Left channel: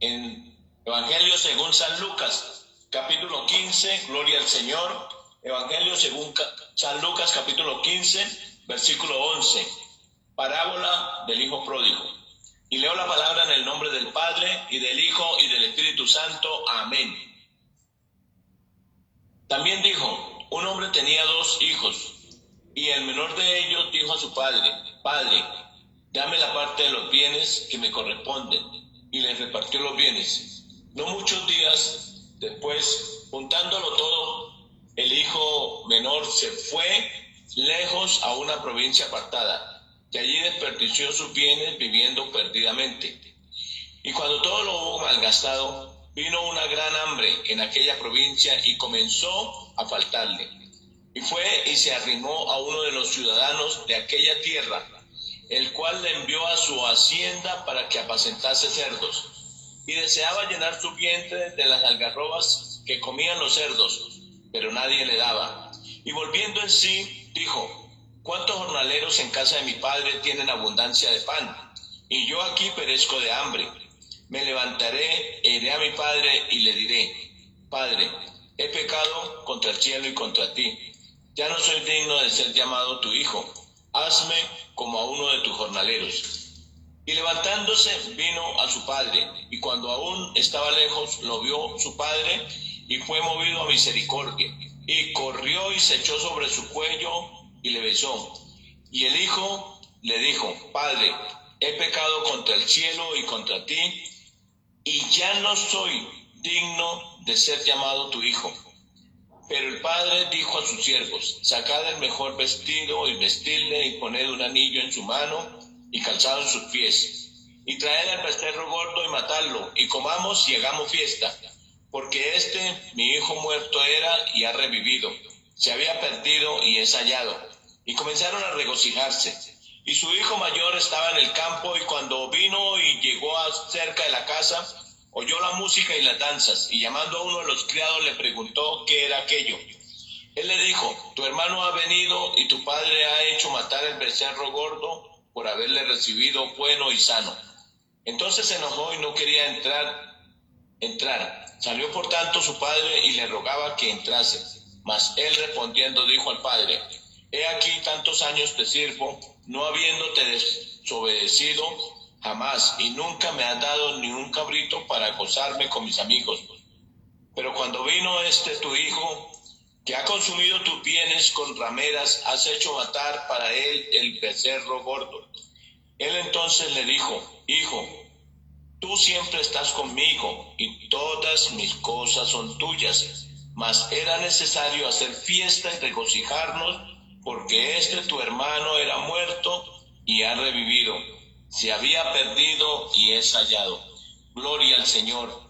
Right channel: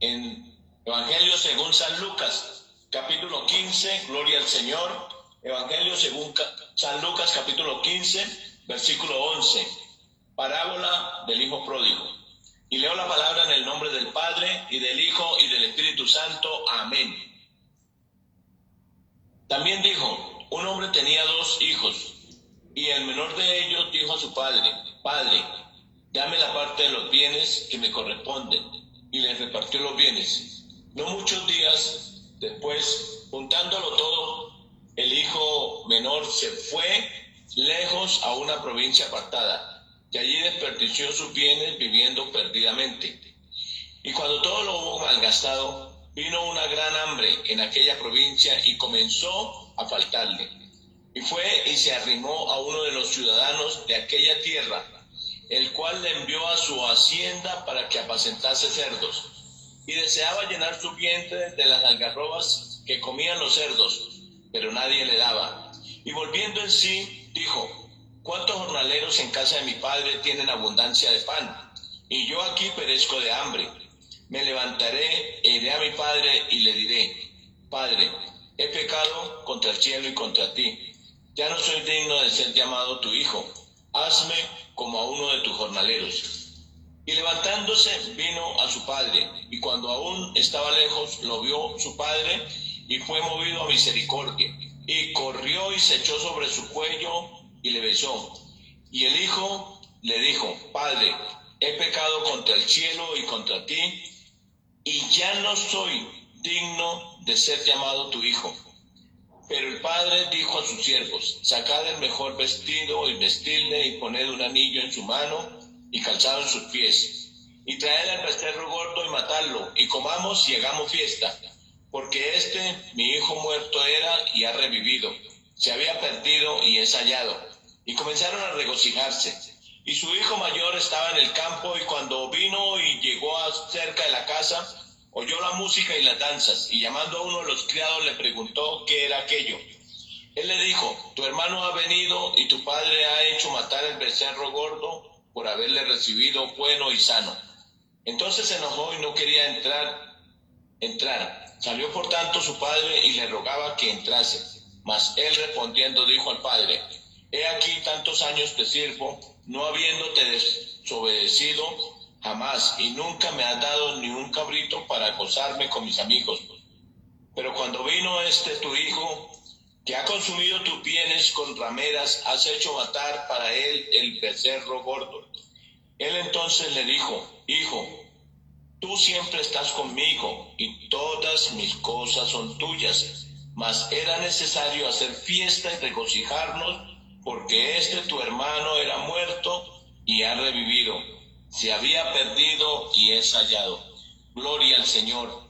En Evangelio según San Lucas, capítulo 15, gloria al Señor. Evangelio según San Lucas, capítulo 15, versículo 11. Parábola del Hijo Pródigo. Y leo la palabra en el nombre del Padre, y del Hijo, y del Espíritu Santo. Amén. También dijo: un hombre tenía 2 hijos, y el menor de ellos dijo a su padre: Padre, dame la parte de los bienes que me corresponden. Y les repartió los bienes. No muchos días después, juntándolo todo, el hijo menor se fue lejos a una provincia apartada, y allí desperdició sus bienes viviendo perdidamente. Y cuando todo lo hubo malgastado, vino una gran hambre en aquella provincia y comenzó a faltarle. Y fue y se arrimó a uno de los ciudadanos de aquella tierra, el cual le envió a su hacienda para que apacentase cerdos. Y deseaba llenar su vientre de las algarrobas que comían los cerdos, pero nadie le daba. Y volviendo en sí, dijo: ¿cuántos jornaleros en casa de mi padre tienen abundancia de pan? Y yo aquí perezco de hambre. Me levantaré e iré a mi padre y le diré: Padre, he pecado contra el cielo y contra ti. Ya no soy digno de ser llamado tu hijo. Hazme como a uno de tus jornaleros. Y levantándose vino a su padre, y cuando aún estaba lejos, lo vio su padre, y fue movido a misericordia, y corrió y se echó sobre su cuello, y le besó. Y el hijo le dijo: Padre, he pecado contra el cielo y contra ti, y ya no soy digno de ser llamado tu hijo. Pero el padre dijo a sus siervos: sacad el mejor vestido y vestidle, y poned un anillo en su mano y calzado en sus pies, y traed al becerro gordo y matadlo, y comamos y hagamos fiesta, porque mi hijo muerto era y ha revivido, se había perdido y es hallado. Y comenzaron a regocijarse. Y su hijo mayor estaba en el campo, y cuando vino y llegó cerca de la casa, oyó la música y las danzas, y llamando a uno de los criados le preguntó qué era aquello. Él le dijo: tu hermano ha venido, y tu padre ha hecho matar el becerro gordo por haberle recibido bueno y sano. Entonces se enojó y no quería entrar. Salió por tanto su padre y le rogaba que entrase. Mas él respondiendo dijo al padre: he aquí tantos años te sirvo, no habiéndote desobedecido jamás, y nunca me has dado ni un cabrito para gozarme con mis amigos. Pero cuando vino tu hijo, que ha consumido tus bienes con rameras, has hecho matar para él el becerro gordo. Él entonces le dijo: hijo, tú siempre estás conmigo, y todas mis cosas son tuyas. Mas era necesario hacer fiesta y regocijarnos, porque tu hermano era muerto y ha revivido, se había perdido y es hallado. Gloria al Señor.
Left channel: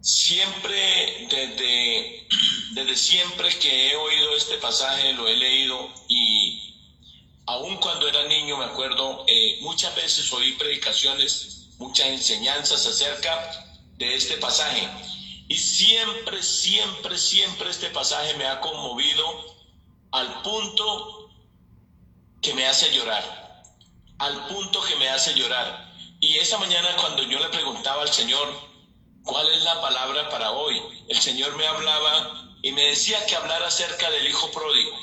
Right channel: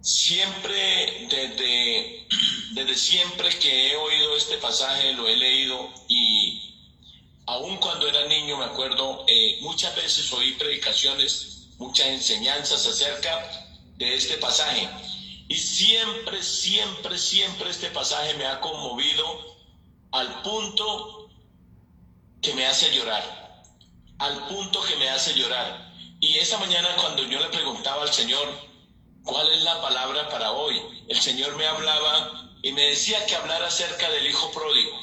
Siempre, desde siempre que he oído este pasaje, lo he leído, y aun cuando era niño me acuerdo, muchas veces oí predicaciones, muchas enseñanzas acerca de este pasaje. Y siempre este pasaje me ha conmovido al punto que me hace llorar. Y esa mañana, cuando yo le preguntaba al Señor ¿cuál es la palabra para hoy?, el Señor me hablaba y me decía que hablara acerca del hijo pródigo.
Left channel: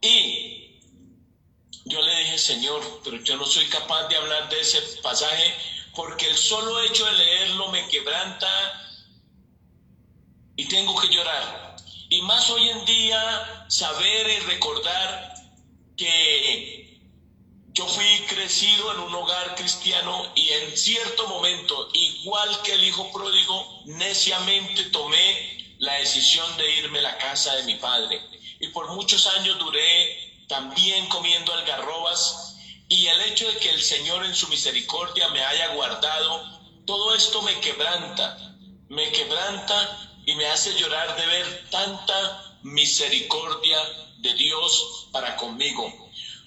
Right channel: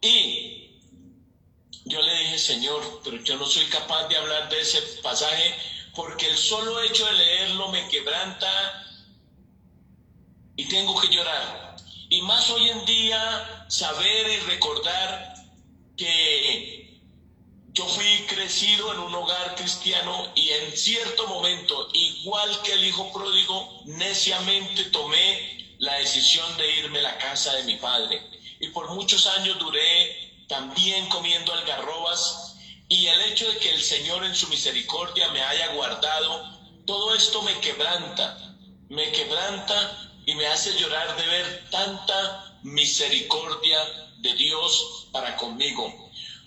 Y yo le dije: Señor, pero yo no soy capaz de hablar de ese pasaje, porque el solo hecho de leerlo me quebranta y tengo que llorar. Y más hoy en día, saber y recordar que yo fui crecido en un hogar cristiano, y en cierto momento, igual que el hijo pródigo, neciamente tomé la decisión de irme a la casa de mi padre. Y por muchos años duré también comiendo algarrobas, y el hecho de que el Señor en su misericordia me haya guardado, todo esto me quebranta y me hace llorar de ver tanta misericordia de Dios para conmigo.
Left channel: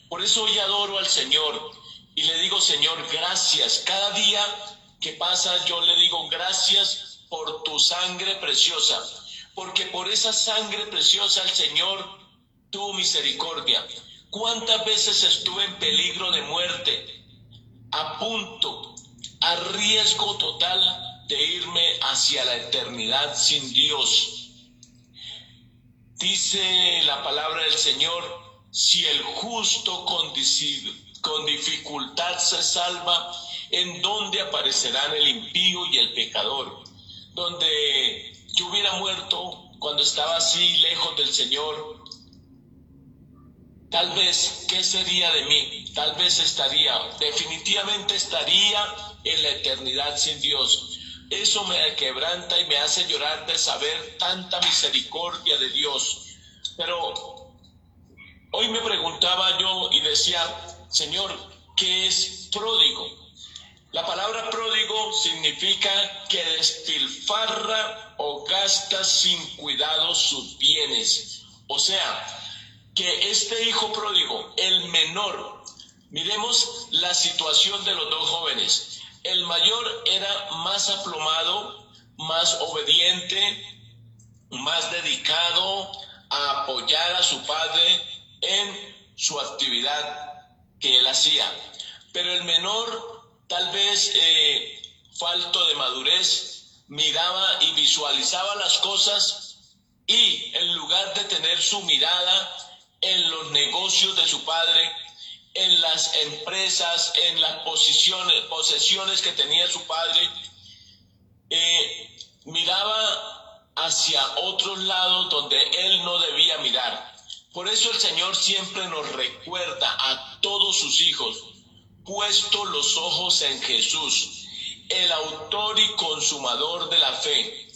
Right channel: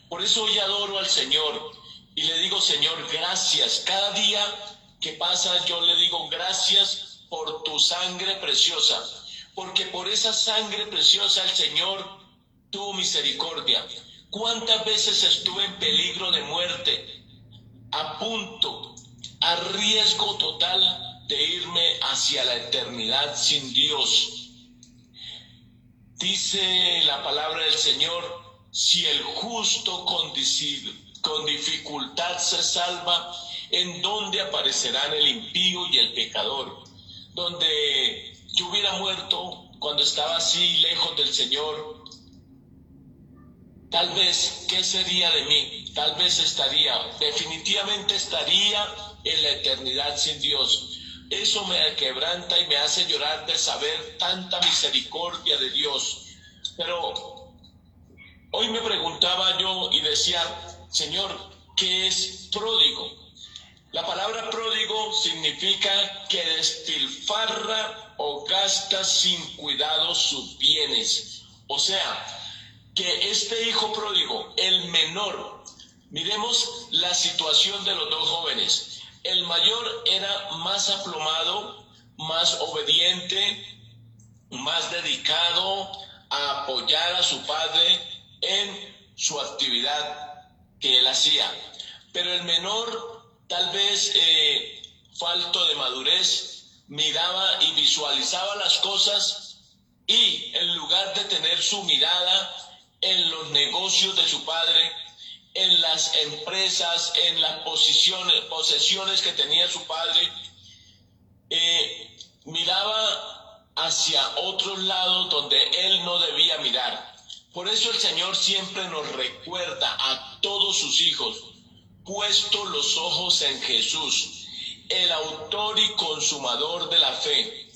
Por eso hoy adoro al Señor y le digo: Señor, gracias. Cada día que pasa yo le digo: gracias por tu sangre preciosa, porque por esa sangre preciosa el Señor tuvo misericordia. ¿Cuántas veces estuve en peligro de muerte? a punto, a riesgo total de irme hacia la eternidad sin Dios. Dice la palabra del Señor, si el justo con dificultad se salva, ¿en dónde aparecerán el impío y el pecador? Donde yo hubiera muerto cuando estaba así lejos del Señor, tal vez, ¿qué sería de mí? Tal vez definitivamente estaría en la eternidad sin Dios. Eso me quebranta y me hace llorar de saber tanta misericordia de Dios. Pero hoy me preguntaba yo y decía, Señor, ¿qué es pródigo? La palabra pródigo significa que despilfarra o gasta sin cuidado sus bienes. O sea, que este hijo pródigo, el menor, miremos la situación de los dos jóvenes. El mayor era más aplomado, más obediente, más dedicado a apoyar a su padre en su actividad que él hacía. Pero el menor, tal vez falto de madurez, miraba y visualizaba las cosas y en lugar de tener su mirada en los negocios de su padre, en las empresas, en las posesiones que tenía su padre, miraba hacia otros lados donde él no debía mirar. Por eso el Señor siempre nos recuerda a todos sus hijos, puesto los ojos en Jesús, el autor y consumador de la fe.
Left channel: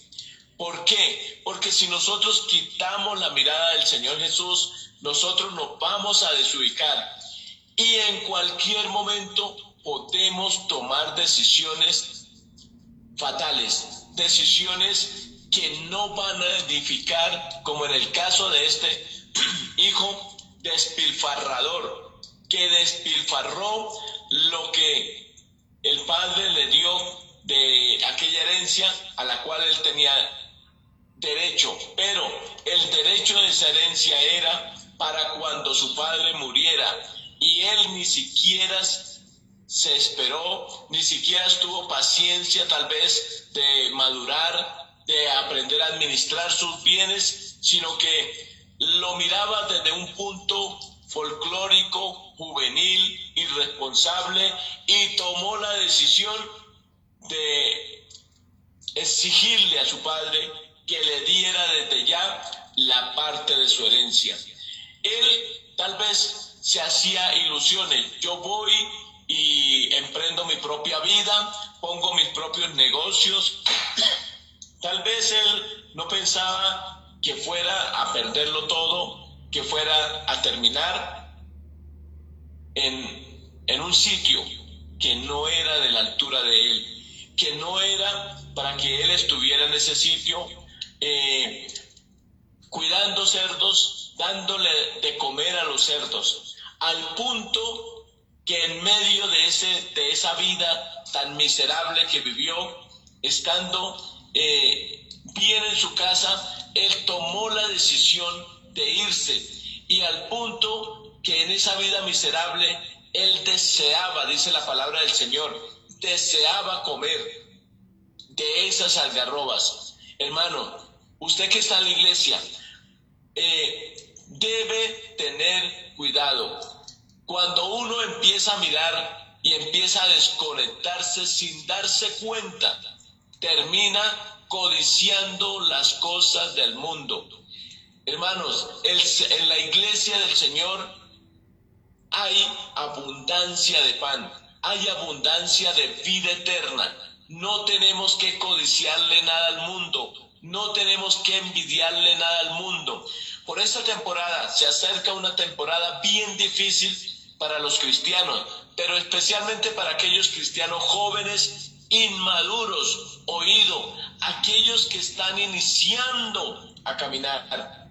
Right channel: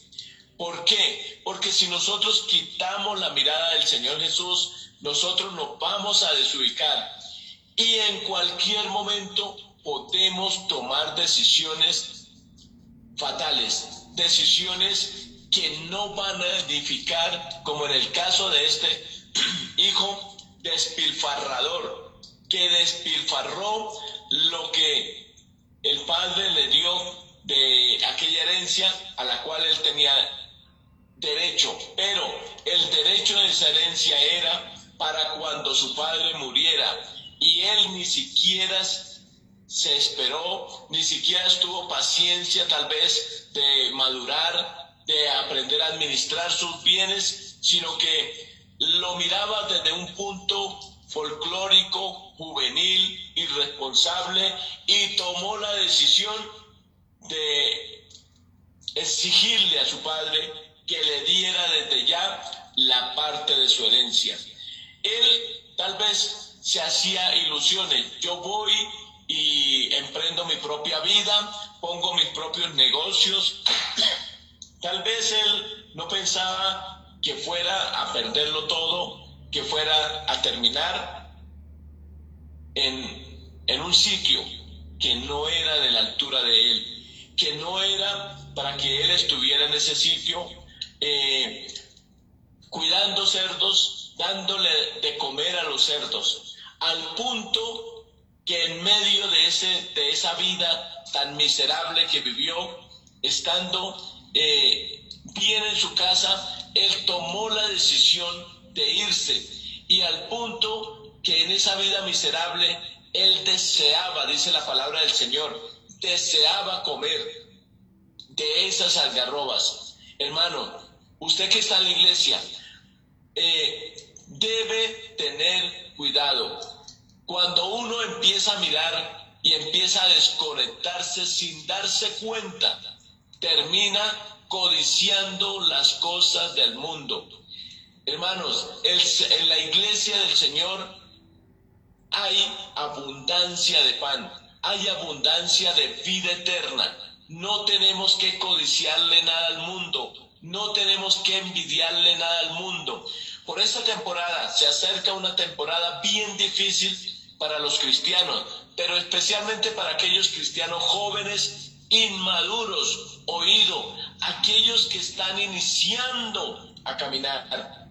¿Por qué? Porque si nosotros quitamos la mirada del Señor Jesús, nosotros nos vamos a desubicar y en cualquier momento podemos tomar decisiones fatales, decisiones que no van a edificar, como en el caso de este hijo despilfarrador, que despilfarró lo que el padre le dio de aquella herencia a la cual él tenía derecho, pero el derecho de esa herencia era para cuando su padre muriera, y él ni siquiera se esperó, ni siquiera tuvo paciencia tal vez de madurar, de aprender a administrar sus bienes, sino que lo miraba desde un punto folclórico, juvenil, irresponsable, y tomó la decisión de exigirle a su padre que le diera desde ya la parte de su herencia. Él tal vez se hacía ilusiones, yo voy y emprendo mi propia vida, pongo mis propios negocios. Tal vez él no pensaba que fuera a perderlo todo, que fuera a terminar en un sitio que no era de la altura de él, que no era para que él estuviera en ese sitio cuidando cerdos, dándole de comer a los cerdos, al punto que en medio de esa vida tan miserable que vivió, estando bien en su casa, él tomó la decisión de irse, y al punto que en esa vida miserable él deseaba, dice la palabra del Señor, deseaba comer de esas algarrobas. Hermano, usted que está en la iglesia, debe tener cuidado. Cuando uno empieza a mirar y empieza a desconectarse sin darse cuenta, termina codiciando las cosas del mundo. Hermanos, en la iglesia del Señor hay abundancia de pan, hay abundancia de vida eterna. No tenemos que codiciarle nada al mundo, no tenemos que envidiarle nada al mundo. Por esta temporada se acerca una temporada bien difícil para los cristianos, pero especialmente para aquellos cristianos jóvenes, inmaduros, aquellos que están iniciando a caminar.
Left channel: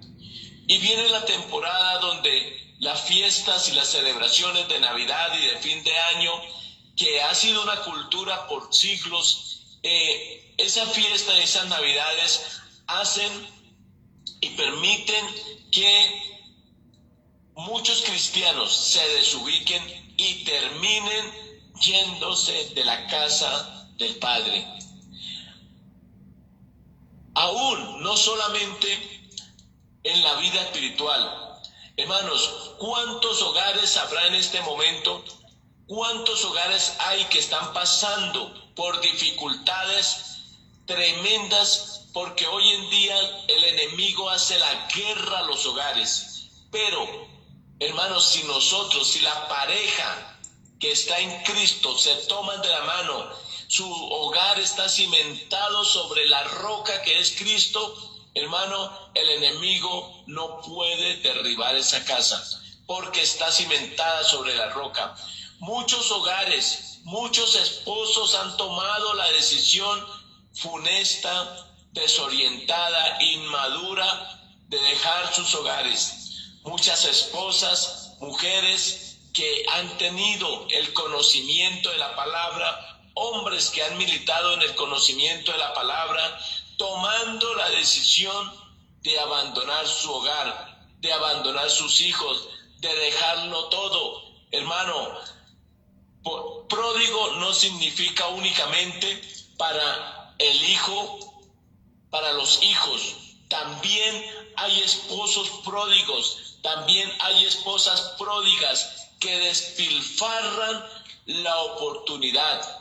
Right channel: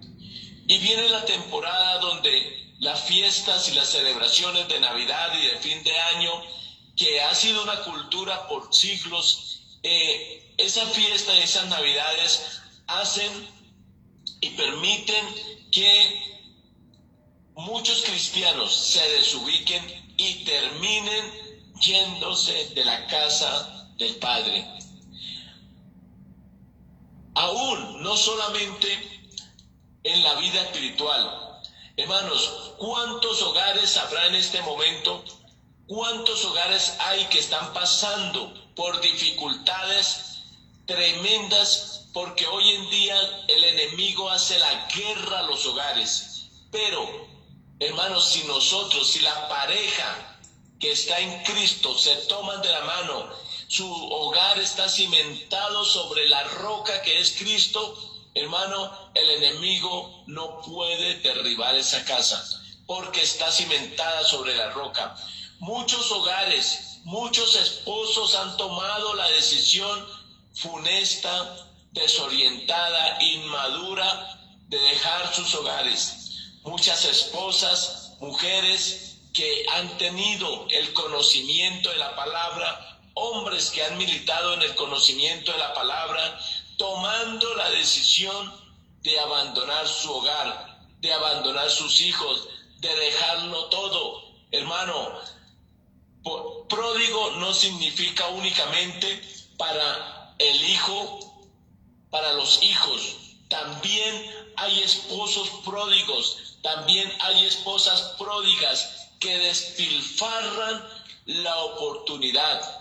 Y viene la temporada donde las fiestas y las celebraciones de Navidad y de fin de año, que ha sido una cultura por siglos, esa fiesta y esas Navidades hacen y permiten que muchos cristianos se desubiquen y terminen yéndose de la casa del Padre. Aún, no solamente en la vida espiritual. Hermanos, ¿cuántos hogares habrá en este momento? ¿Cuántos hogares hay que están pasando por dificultades tremendas? Porque hoy en día el enemigo hace la guerra a los hogares. Pero, hermanos, si la pareja que está en Cristo se toman de la mano, su hogar está cimentado sobre la roca que es Cristo, hermano, el enemigo no puede derribar esa casa, porque está cimentada sobre la roca. Muchos hogares, muchos esposos han tomado la decisión funesta, desorientada, inmadura, de dejar sus hogares. Muchas esposas, mujeres que han tenido el conocimiento de la palabra, hombres que han militado en el conocimiento de la palabra, tomando la decisión de abandonar su hogar, de abandonar sus hijos, de dejarlo todo. Hermano, pródigo no significa únicamente para el hijo, para los hijos. También hay esposos pródigos, también hay esposas pródigas que despilfarran la oportunidad.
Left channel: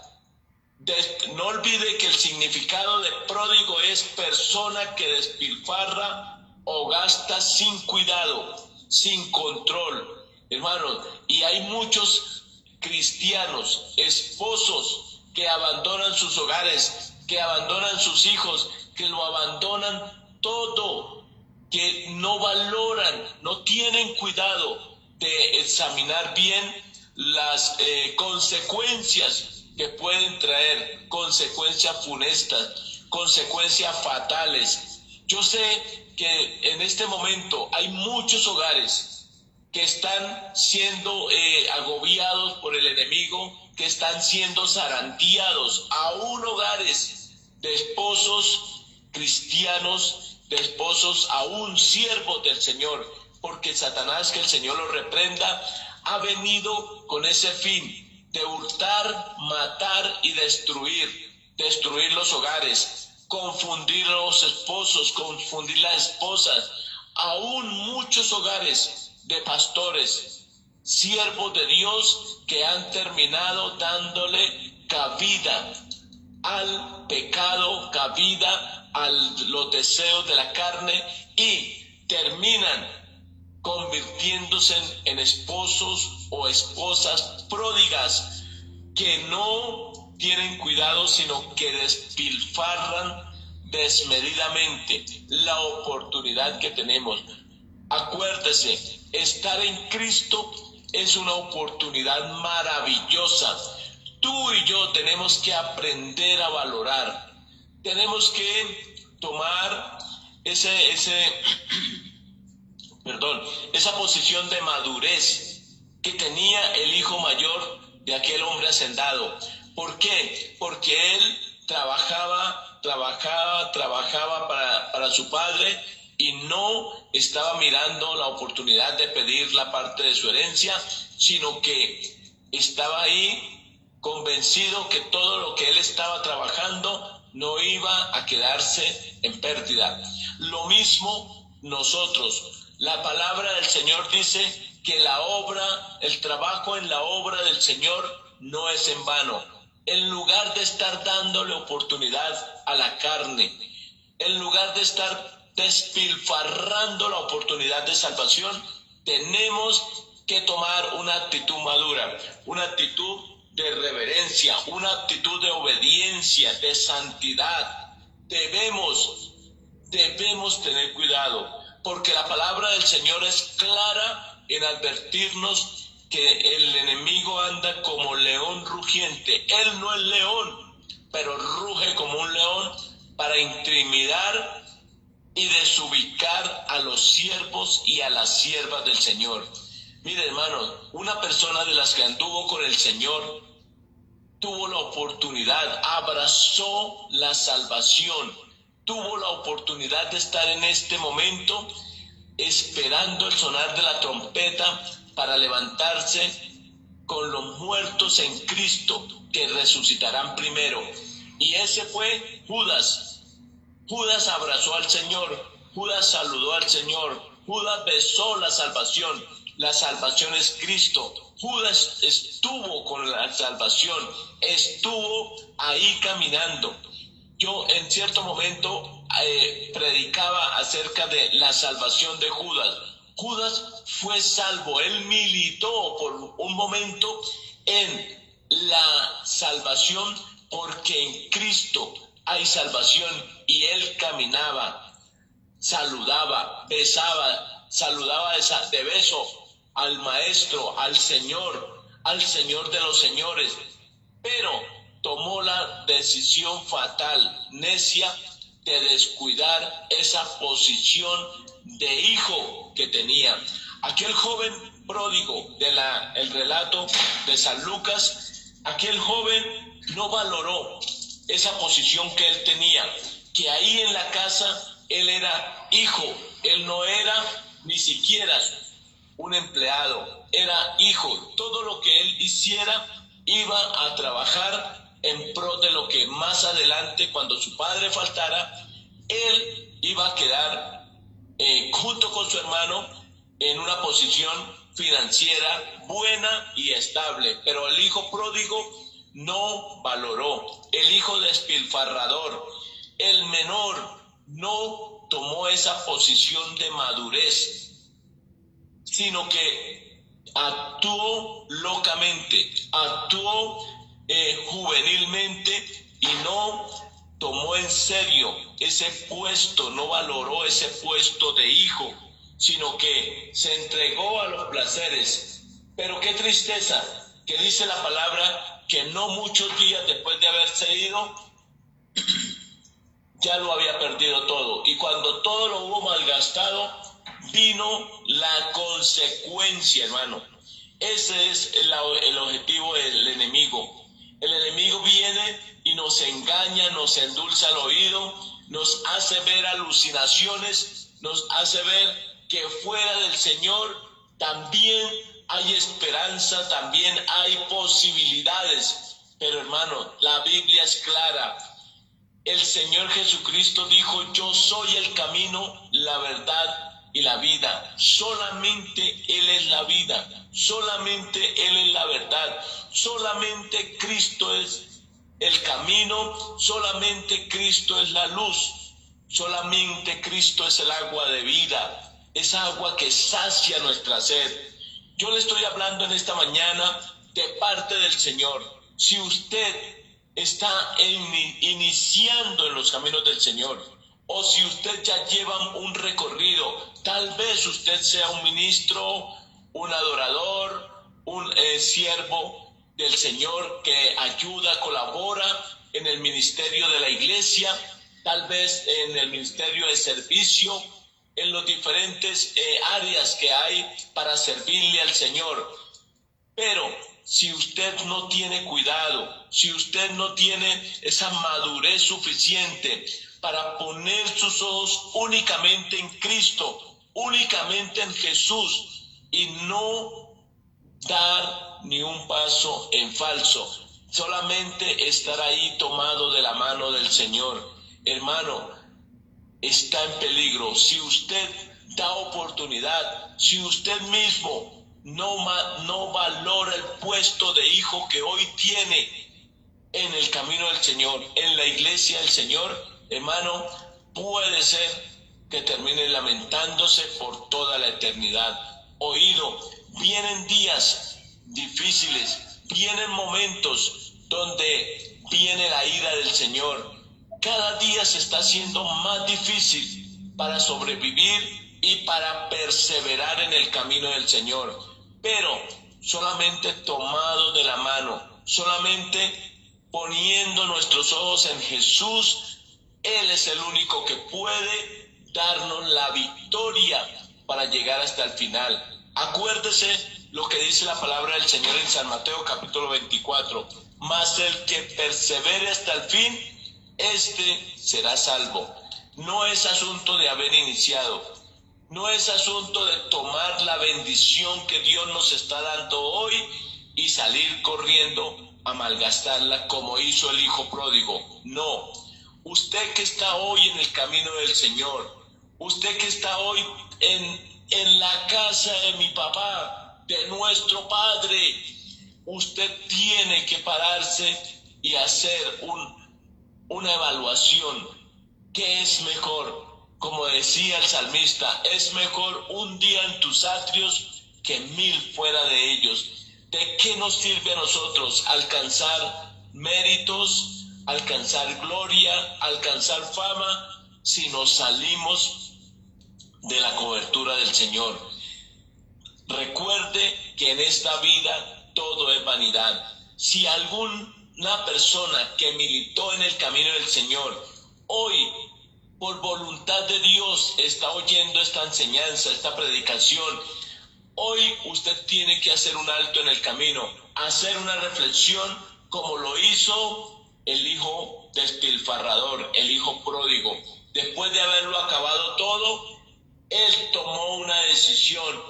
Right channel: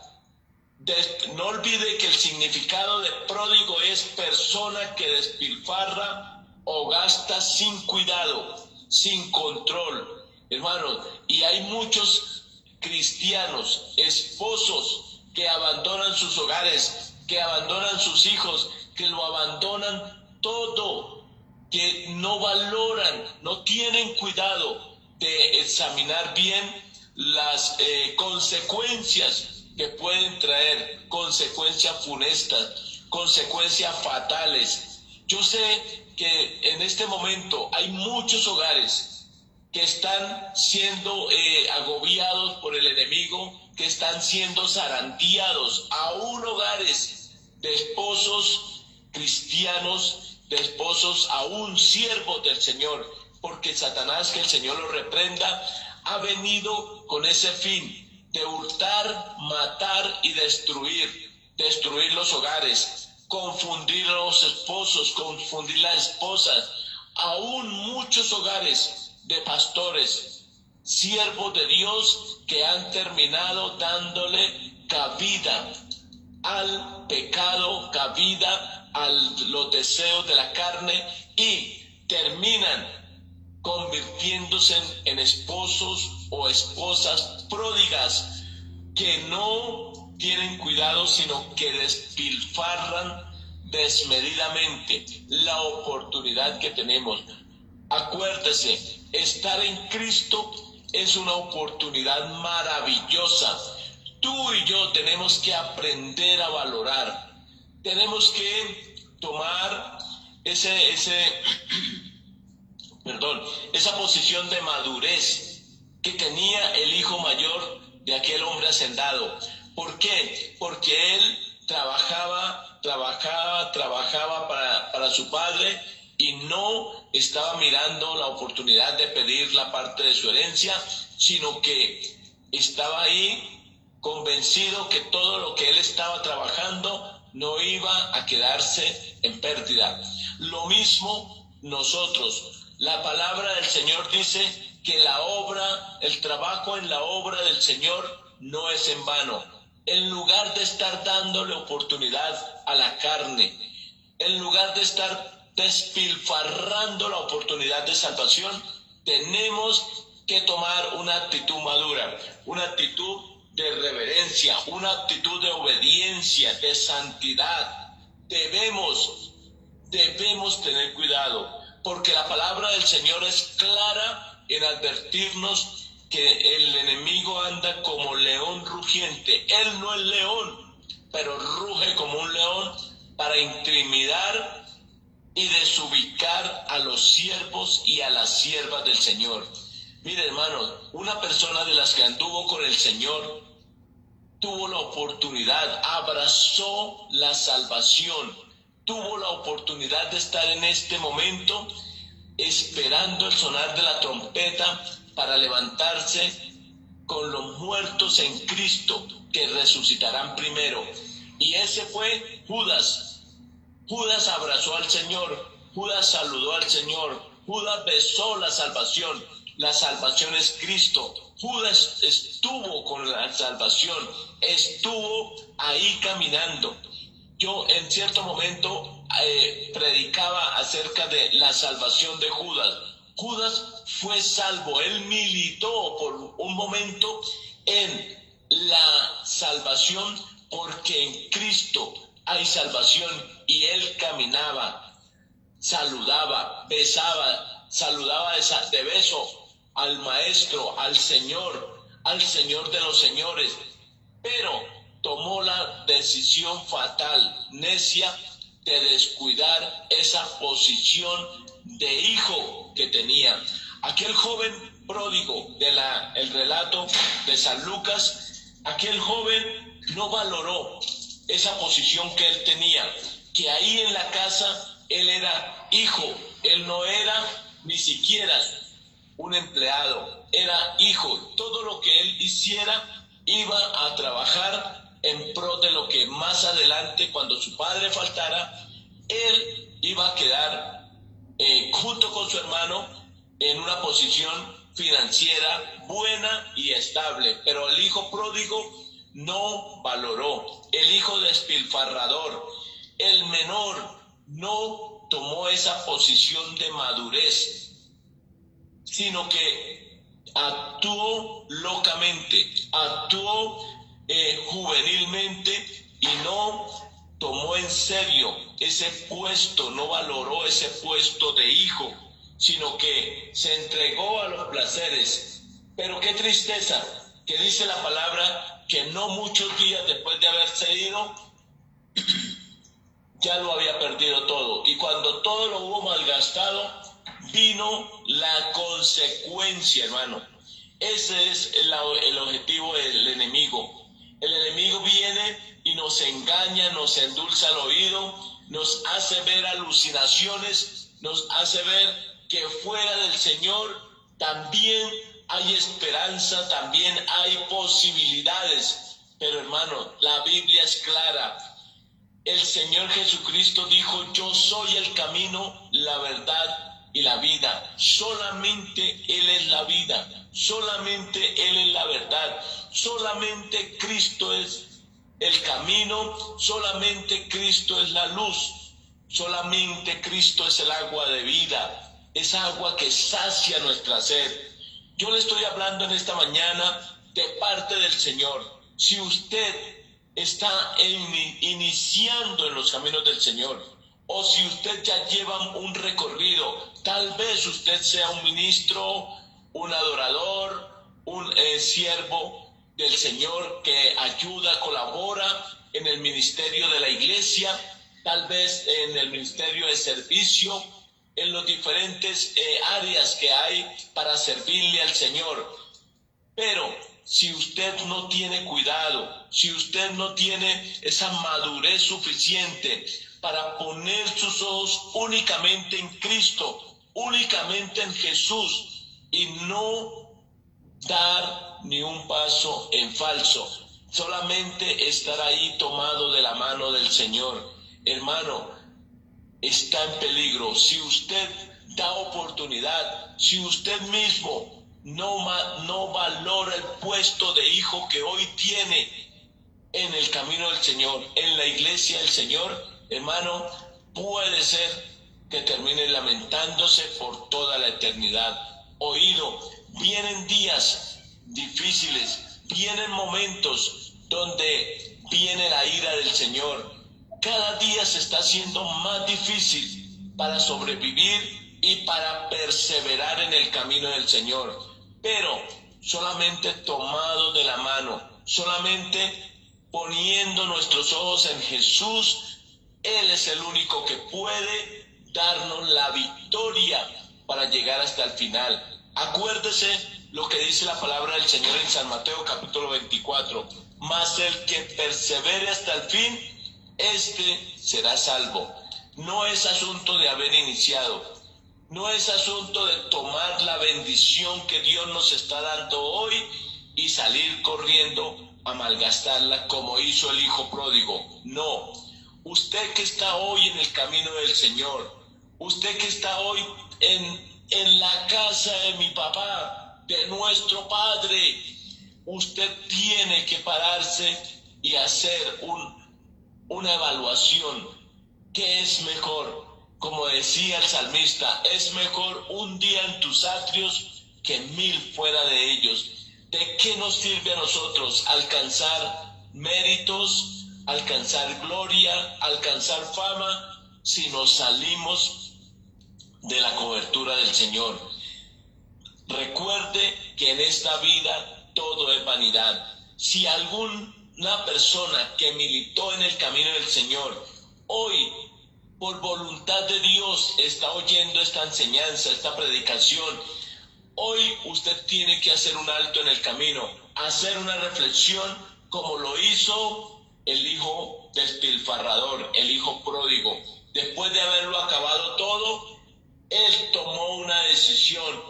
No olvide que el significado de pródigo es persona que despilfarra o gasta sin cuidado, sin control. Hermanos, y hay muchos cristianos, esposos que abandonan sus hogares, que abandonan sus hijos, que lo abandonan todo, que no valoran, no tienen cuidado de examinar bien las consecuencias que pueden traer, consecuencias funestas, consecuencias fatales. Yo sé que en este momento hay muchos hogares que están siendo agobiados por el enemigo, que están siendo zarandeados, aún hogares de esposos cristianos, de esposos aún siervos del Señor, porque Satanás, que el Señor lo reprenda, ha venido con ese fin de hurtar, matar y destruir los hogares, confundir a los esposos, confundir las esposas, aún muchos hogares de pastores, siervos de Dios que han terminado dándole cabida al pecado, cabida a los deseos de la carne y terminan convirtiéndose en esposos o esposas pródigas que no tienen cuidado, sino que despilfarran desmedidamente la oportunidad que tenemos. Acuérdese, estar en Cristo es una oportunidad maravillosa. Tú y yo tenemos que aprender a valorar. Tenemos que tomar esa posición de madurez que tenía el hijo mayor de aquel hombre hacendado. ¿Por qué? Porque él trabajaba para su padre y no estaba mirando la oportunidad de pedir la parte de su herencia, sino que estaba ahí convencido que todo lo que él estaba trabajando no iba a quedarse en pérdida. Lo mismo nosotros. La palabra del Señor dice que el trabajo en la obra del Señor no es en vano. En lugar de estar dándole oportunidad a la carne, en lugar de estar despilfarrando la oportunidad de salvación, tenemos que tomar una actitud madura, una actitud de reverencia, una actitud de obediencia, de santidad. Debemos tener cuidado, porque la palabra del Señor es clara en advertirnos que el enemigo anda como león rugiente. Él no es león, pero ruge como un león para intimidar y desubicar a los siervos y a las siervas del Señor. Mire, hermano, una persona de las que anduvo con el Señor tuvo la oportunidad, abrazó la salvación, tuvo la oportunidad de estar en este momento esperando el sonar de la trompeta para levantarse con los muertos en Cristo, que resucitarán primero. Y ese fue Judas. Judas abrazó al Señor, Judas saludó al Señor, Judas besó la salvación. La salvación es Cristo. Judas estuvo con la salvación, estuvo ahí caminando. Yo en cierto momento predicaba acerca de la salvación de Judas. Judas fue salvo, él militó por un momento en la salvación, porque en Cristo hay salvación, y él caminaba, saludaba, besaba, saludaba de beso al Maestro, al Señor de los señores, pero tomó la decisión fatal, necia, de descuidar esa posición de hijo que tenía. Aquel joven pródigo el relato de San Lucas, aquel joven no valoró esa posición que él tenía, que ahí en la casa él era hijo, él no era ni siquiera un empleado, era hijo. Todo lo que él hiciera iba a trabajar en pro de lo que más adelante, cuando su padre faltara, él iba a quedar junto con su hermano en una posición financiera buena y estable. Pero el hijo pródigo no valoró, el hijo despilfarrador, el menor, no tomó esa posición de madurez, sino que actuó locamente, actuó juvenilmente, y no tomó en serio ese puesto, no valoró ese puesto de hijo, sino que se entregó a los placeres. Pero qué tristeza, que dice la palabra que no muchos días después de haberse ido, ya lo había perdido todo. Y cuando todo lo hubo malgastado, vino la consecuencia, hermano. Ese es el objetivo del enemigo. El enemigo viene y nos engaña, nos endulza el oído, nos hace ver alucinaciones, nos hace ver que fuera del Señor también hay esperanza, también hay posibilidades. Pero hermano, la Biblia es clara. El Señor Jesucristo dijo: yo soy el camino, la verdad y la vida. Solamente Él es la vida, solamente Él es la verdad, solamente Cristo es el camino, solamente Cristo es la luz, solamente Cristo es el agua de vida, esa agua que sacia nuestra sed. Yo le estoy hablando en esta mañana de parte del Señor. Si usted está iniciando en los caminos del Señor, o si usted ya lleva un recorrido, tal vez usted sea un ministro, un adorador, un siervo del Señor que ayuda, colabora en el ministerio de la iglesia, tal vez en el ministerio de servicio, en los diferentes áreas que hay para servirle al Señor. Pero si usted no tiene cuidado, si usted no tiene esa madurez suficiente para poner sus ojos únicamente en Cristo, únicamente en Jesús, y no dar ni un paso en falso, solamente estar ahí tomado de la mano del Señor, hermano, está en peligro. Si usted da oportunidad, si usted mismo no valora el puesto de hijo que hoy tiene en el camino del Señor, en la iglesia del Señor, hermano, puede ser que termine lamentándose por toda la eternidad. Oído, vienen días difíciles, vienen momentos donde viene la ira del Señor. Cada día se está haciendo más difícil para sobrevivir y para perseverar en el camino del Señor. Pero solamente tomado de la mano, solamente poniendo nuestros ojos en Jesús, Él es el único que puede darnos la victoria para llegar hasta el final. Acuérdese lo que dice la palabra del Señor en San Mateo capítulo 24. Mas el que persevere hasta el fin, este será salvo. No es asunto de haber iniciado, no es asunto de tomar la bendición que Dios nos está dando hoy y salir corriendo a malgastarla como hizo el hijo pródigo. No, usted que está hoy en el camino del Señor, usted que está hoy en la casa de mi papá, de nuestro Padre, usted tiene que pararse y hacer una evaluación. ¿Qué es mejor? Como decía el salmista, es mejor un día en tus atrios que 1000 fuera de ellos. ¿De qué nos sirve a nosotros alcanzar méritos, alcanzar gloria, alcanzar fama, si nos salimos de la cobertura del Señor? Recuerde que en esta vida todo es vanidad. Si alguna persona que militó en el camino del Señor hoy, por voluntad de Dios, está oyendo esta enseñanza, esta predicación, hoy usted tiene que hacer un alto en el camino, hacer una reflexión como lo hizo el hijo despilfarrador, el hijo pródigo. Después de haberlo acabado todo, él tomó una decisión.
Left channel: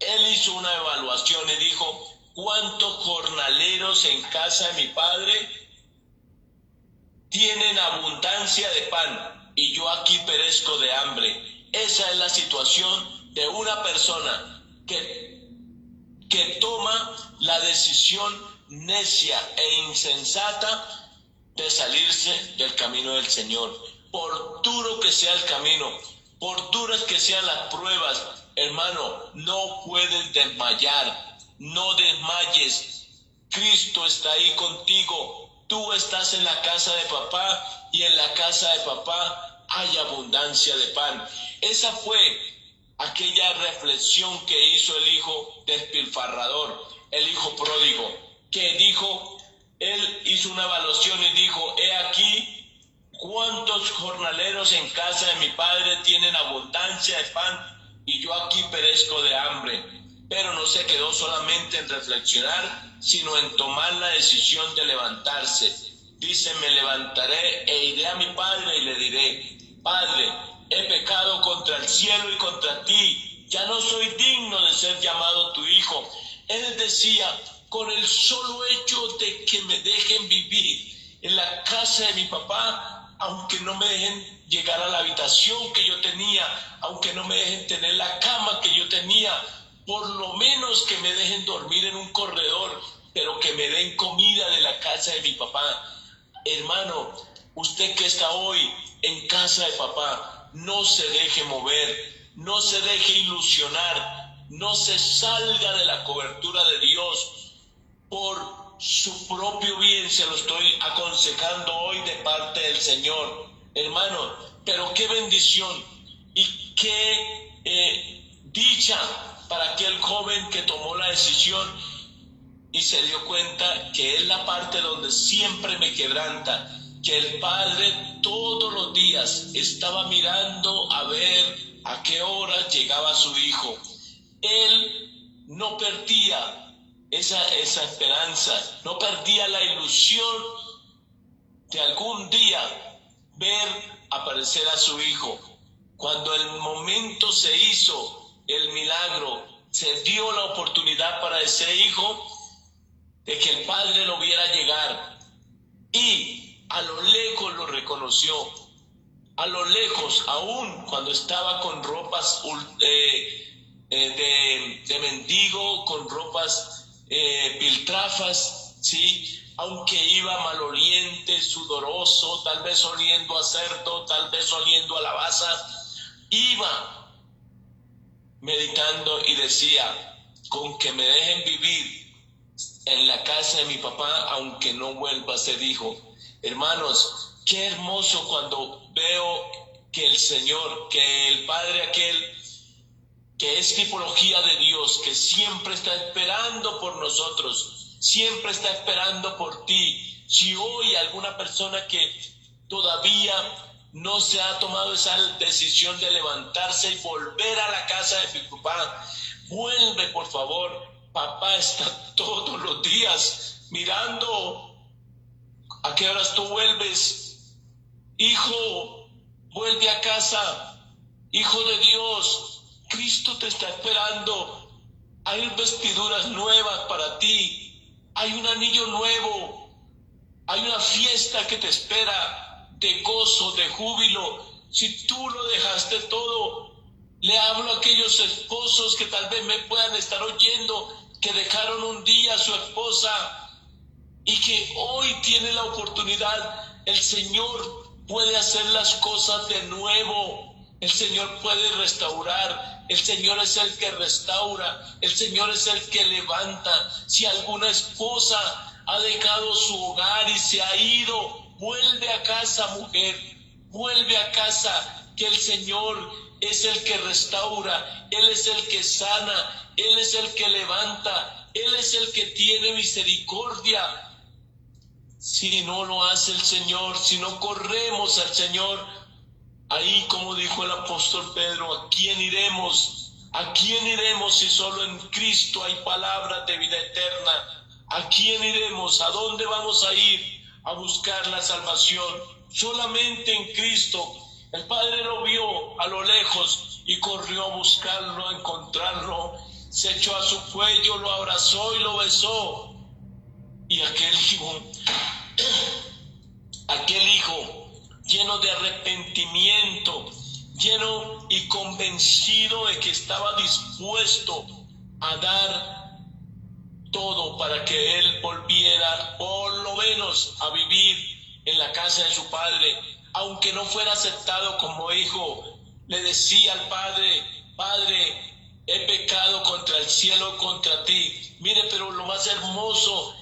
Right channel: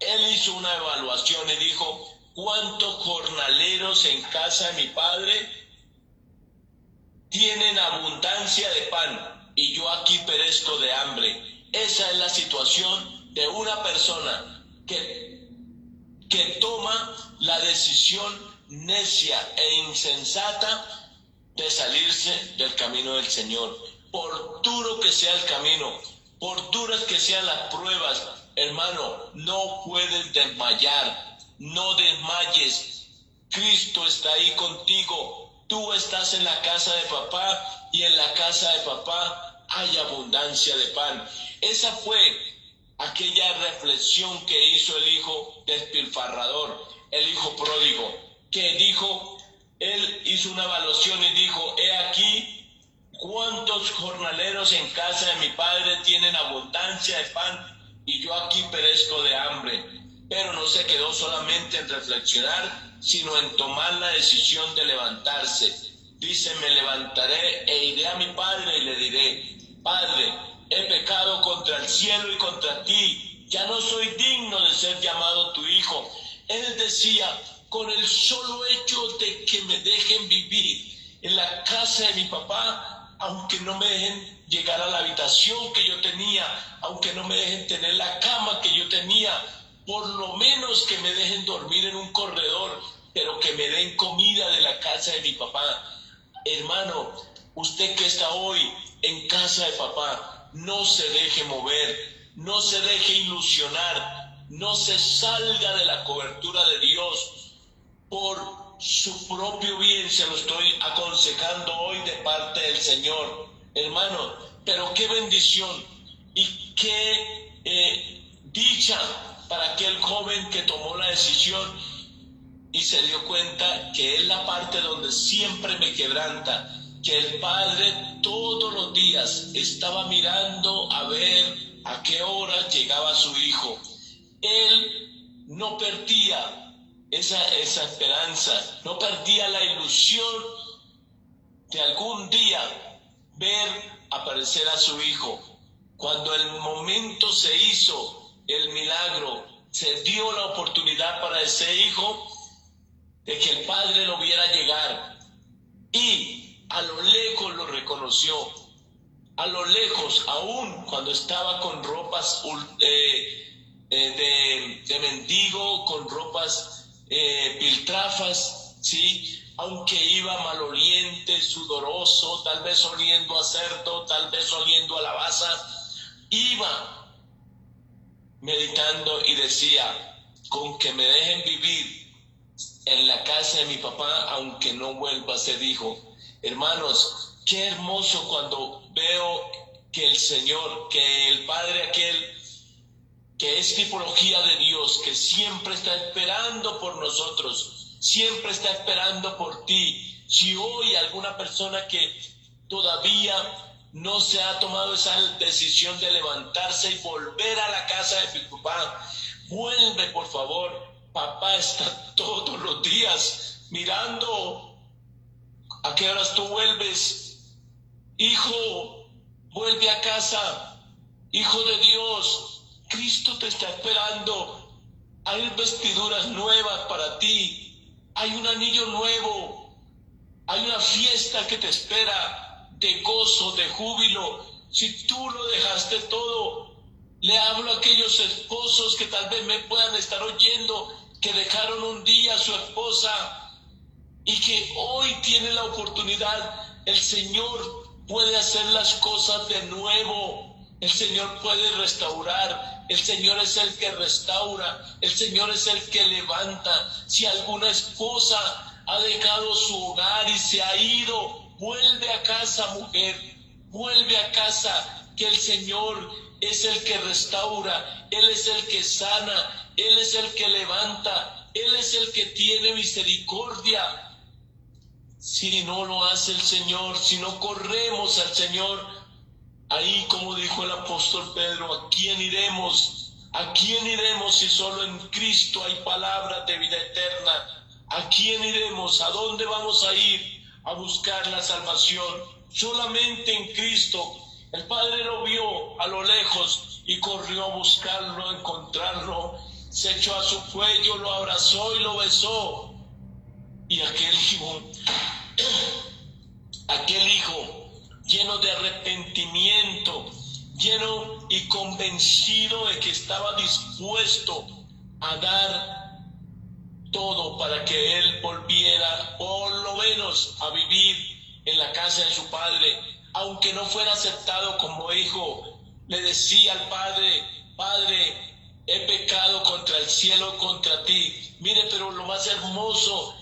Él hizo una evaluación y dijo: ¿cuántos jornaleros en casa de mi padre tienen abundancia de pan y yo aquí perezco de hambre? Esa es la situación de una persona que toma la decisión necia e insensata de salirse del camino del Señor. Por duro que sea el camino, por duras que sean las pruebas, hermano, no puedes desmayar, no desmayes. Cristo está ahí contigo. Tú estás en la casa de papá y en la casa de papá hay abundancia de pan. Esa fue aquella reflexión que hizo el hijo despilfarrador, el hijo pródigo, que dijo, él hizo una evaluación y dijo: he aquí cuántos jornaleros en casa de mi padre tienen abundancia de pan y yo aquí perezco de hambre. Pero no se quedó solamente en reflexionar, sino en tomar la decisión de levantarse. Dice: me levantaré e iré a mi padre y le diré: Padre, he pecado contra el cielo y contra ti, ya no soy digno de ser llamado tu hijo. Él decía: con el solo hecho de que me dejen vivir en la casa de mi papá, aunque no me dejen llegar a la habitación que yo tenía, aunque no me dejen tener la cama que yo tenía, por lo menos que me dejen dormir en un corredor, pero que me den comida de la casa de mi papá. Hermano, usted que está hoy en casa de papá, no se deje mover, no se deje ilusionar, no se salga de la cobertura de Dios. Por su propio bien se lo estoy aconsejando hoy de parte del Señor. Hermano, pero qué bendición y qué dicha para aquel joven que tomó la decisión y se dio cuenta que es la parte donde siempre me quebranta, que el padre todos los días estaba mirando a ver a qué hora llegaba su hijo. Él no perdía esa esperanza, no perdía la ilusión de algún día ver aparecer a su hijo. Cuando el momento se hizo, el milagro, se dio la oportunidad para ese hijo de que el padre lo viera llegar, y a lo lejos lo reconoció, a lo lejos, aún cuando estaba con ropas de mendigo, con ropas piltrafas, ¿sí? Aunque iba maloliente, sudoroso, tal vez oliendo a cerdo, tal vez oliendo a lavaza, iba meditando y decía: con que me dejen vivir en la casa de mi papá, aunque no vuelva a ser hijo. Hermanos, qué hermoso cuando veo que el Señor, que el Padre aquel, que es tipología de Dios, que siempre está esperando por nosotros, siempre está esperando por ti. Si hoy alguna persona que todavía no se ha tomado esa decisión de levantarse y volver a la casa de mi papá, vuelve por favor. Papá está todos los días mirando a qué horas tú vuelves. Hijo, vuelve a casa. Hijo de Dios, Cristo te está esperando. hay vestiduras nuevas para ti, hay un anillo nuevo, hay una fiesta que te espera de gozo, de júbilo. Si tú lo dejaste todo, le hablo a aquellos esposos que tal vez me puedan estar oyendo, que dejaron un día a su esposa y que hoy tienen la oportunidad. El Señor puede hacer las cosas de nuevo. El Señor puede restaurar. El Señor es el que restaura. El Señor es el que levanta. Si alguna esposa ha dejado su hogar y se ha ido, vuelve a casa, mujer. Vuelve a casa, que el Señor es el que restaura. Él es el que sana. Él es el que levanta. Él es el que tiene misericordia. Si no lo hace el Señor, si no corremos al Señor, ahí, como dijo el apóstol Pedro, ¿a quién iremos? ¿A quién iremos si solo en Cristo hay palabras de vida eterna? ¿A quién iremos? ¿A dónde vamos a ir a buscar la salvación? Solamente en Cristo. El Padre lo vio a lo lejos y corrió a buscarlo, a encontrarlo. Se echó a su cuello, lo abrazó y lo besó. Y aquel hijo lleno de arrepentimiento, lleno y convencido de que estaba dispuesto a dar todo para que él volviera por lo menos a vivir en la casa de su padre, aunque no fuera aceptado como hijo, le decía al padre: Padre, he pecado contra el cielo, contra ti. Mire, pero lo más hermoso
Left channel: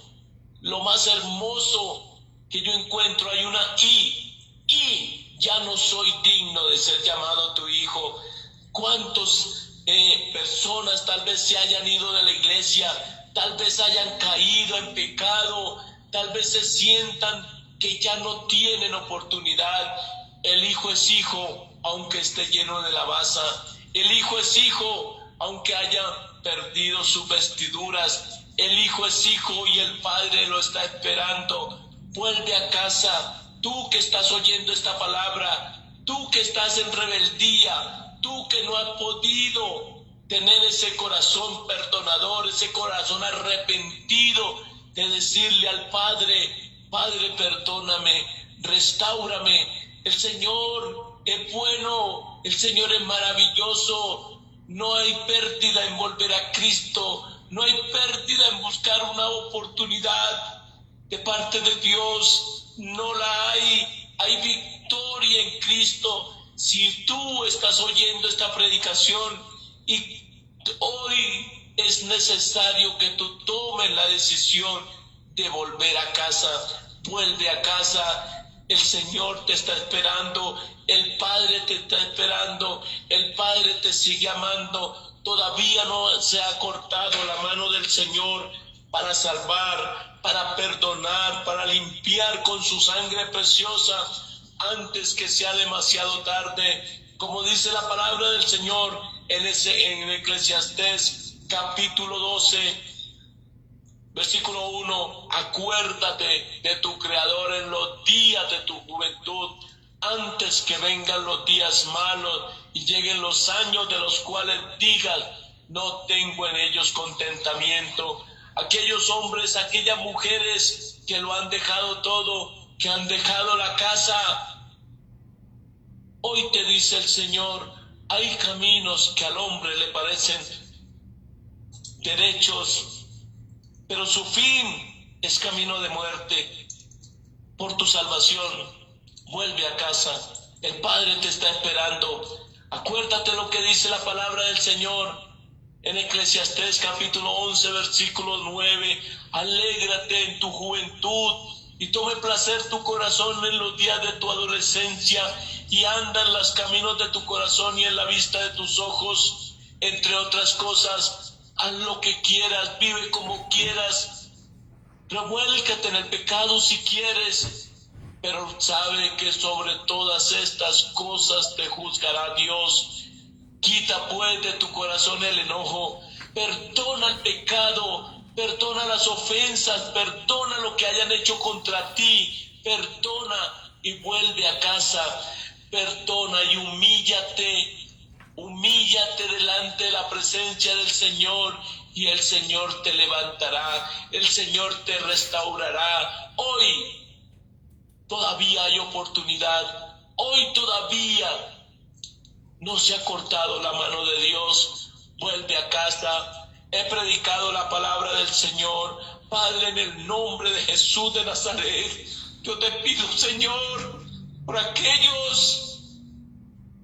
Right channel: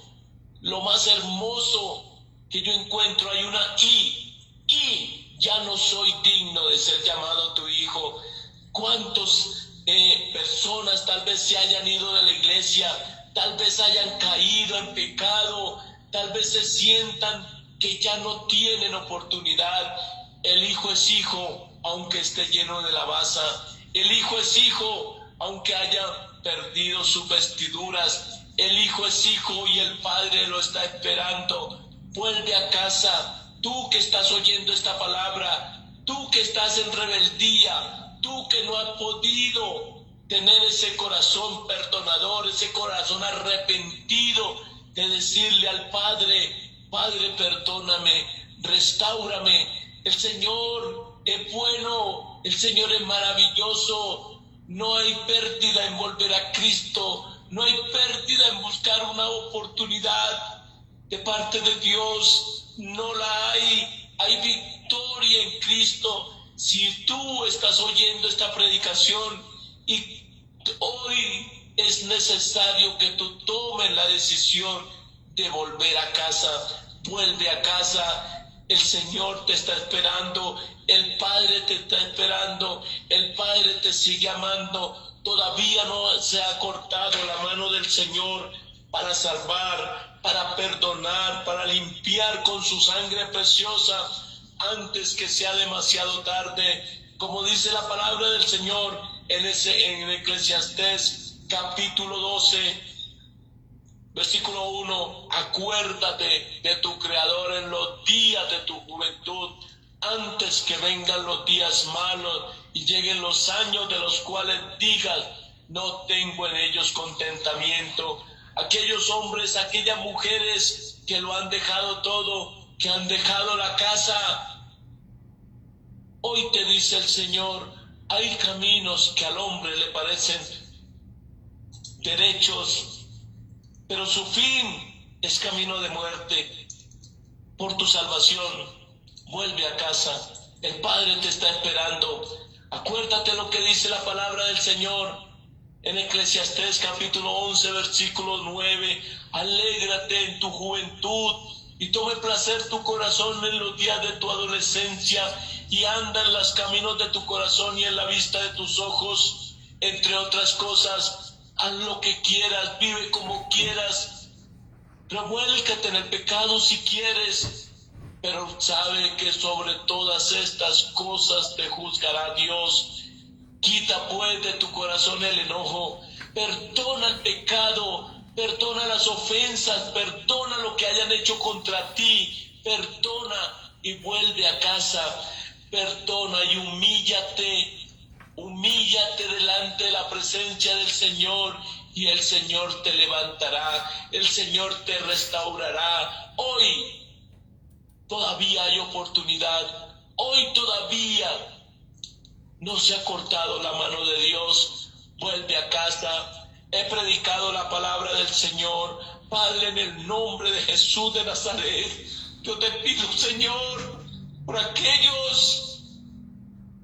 que yo encuentro, hay una y ya no soy digno de ser llamado tu hijo. ¿Cuántas personas tal vez se hayan ido de la iglesia, tal vez hayan caído en pecado, tal vez se sientan que ya no tienen oportunidad? El hijo es hijo aunque esté lleno de lavaza. El hijo es hijo aunque haya perdido sus vestiduras. El hijo es hijo y el padre lo está esperando. Vuelve a casa. Tú que estás oyendo esta palabra, tú que estás en rebeldía, tú que no has podido tener ese corazón perdonador, ese corazón arrepentido de decirle al Padre: Padre, perdóname, restáurame. El Señor es bueno, el Señor es maravilloso. No hay pérdida en volver a Cristo, no hay pérdida en buscar una oportunidad de parte de Dios, no la hay. Hay victoria en Cristo. Si tú estás oyendo esta predicación y hoy es necesario que tú tomes la decisión de volver a casa, vuelve a casa. El Señor te está esperando, el Padre te está esperando, el Padre te sigue amando. Todavía no se ha cortado la mano del Señor para salvar, para perdonar, para limpiar con su sangre preciosa antes que sea demasiado tarde. Como dice la palabra del Señor en Eclesiastés capítulo 12, versículo 1, acuérdate de tu Creador en los días de tu juventud, antes que vengan los días malos y lleguen los años de los cuales digas: no tengo en ellos contentamiento. Aquellos hombres, aquellas mujeres que lo han dejado todo, que han dejado la casa, hoy te dice el Señor: hay caminos que al hombre le parecen derechos, pero su fin es camino de muerte. Por tu salvación, vuelve a casa. El Padre te está esperando. Acuérdate lo que dice la palabra del Señor en Eclesiastés capítulo 11, versículo 9. Alégrate en tu juventud y tome placer tu corazón en los días de tu adolescencia, y anda en los caminos de tu corazón y en la vista de tus ojos. Entre otras cosas, haz lo que quieras, vive como quieras, revuélcate en el pecado si quieres, pero sabe que sobre todas estas cosas te juzgará Dios. Quita pues de tu corazón el enojo, perdona el pecado, perdona las ofensas, perdona lo que hayan hecho contra ti, perdona y vuelve a casa, perdona y humíllate delante de la presencia del Señor y el Señor te levantará, el Señor te restaurará. Hoy todavía hay oportunidad, hoy todavía no se ha cortado la mano de Dios. Vuelve a casa. He predicado la palabra del Señor. Padre, en el nombre de Jesús de Nazaret, yo te pido, Señor, por aquellos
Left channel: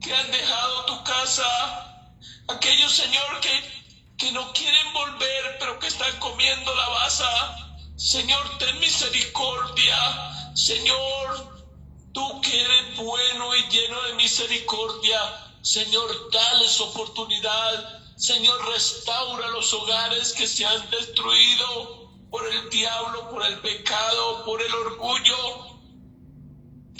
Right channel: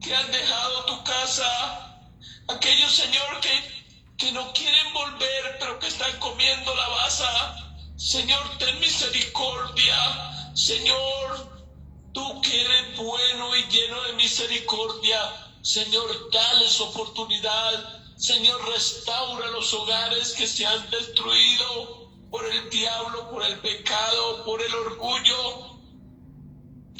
que han dejado tu casa, aquellos, Señor, que no quieren volver, pero que están comiendo la baza. Señor, ten misericordia. Señor, tú que eres bueno y lleno de misericordia, Señor, dales oportunidad. Señor, restaura los hogares que se han destruido por el diablo, por el pecado, por el orgullo.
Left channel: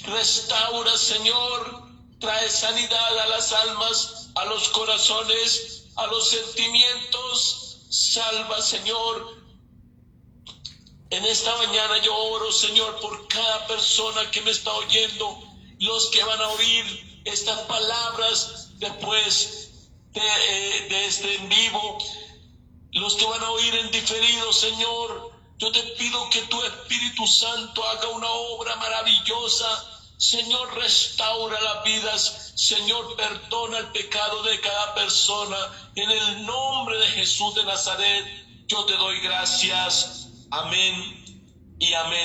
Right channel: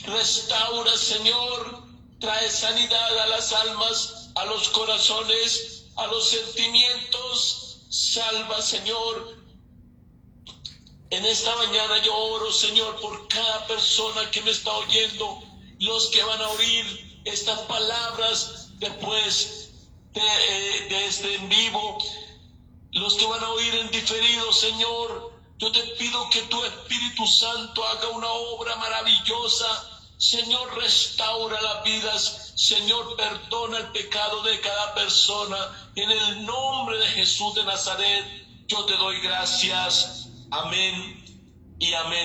Restaura, Señor, trae sanidad a las almas, a los corazones, a los sentimientos. Salva, Señor. En esta mañana yo oro, Señor, por cada persona que me está oyendo, los que van a oír estas palabras después de este en vivo, los que van a oír en diferido, Señor. Yo te pido que tu Espíritu Santo haga una obra maravillosa. Señor, restaura las vidas. Señor, perdona el pecado de cada persona. En el nombre de Jesús de Nazaret, yo te doy gracias. Amén y amén.